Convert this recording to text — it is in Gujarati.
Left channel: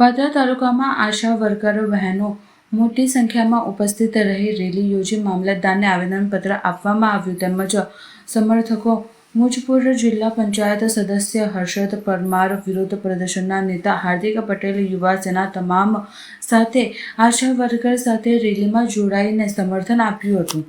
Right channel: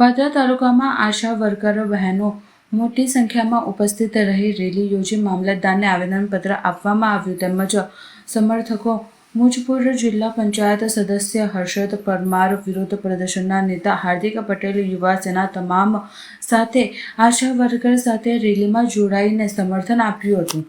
પાદરા તાલુકામાં આશા વર્કરો બહેનો મોટી સંખ્યામાં ઉપસ્થિત રહી રેલી યોજી મામલતદારને આવેદનપત્ર આપવામાં આવ્યું તેમજ સમર્થકો મુજપુર જિલ્લા પંચાયત સદસ્ય હર્ષદ પરમાર વિરોધ પ્રદર્શનના નેતા હાર્દિક પટેલ યુવા સેના તમામ સાથે આશા વર્કર સાથે રેલીમાં જોડાઈને સમર્થન આપ્યું હતું.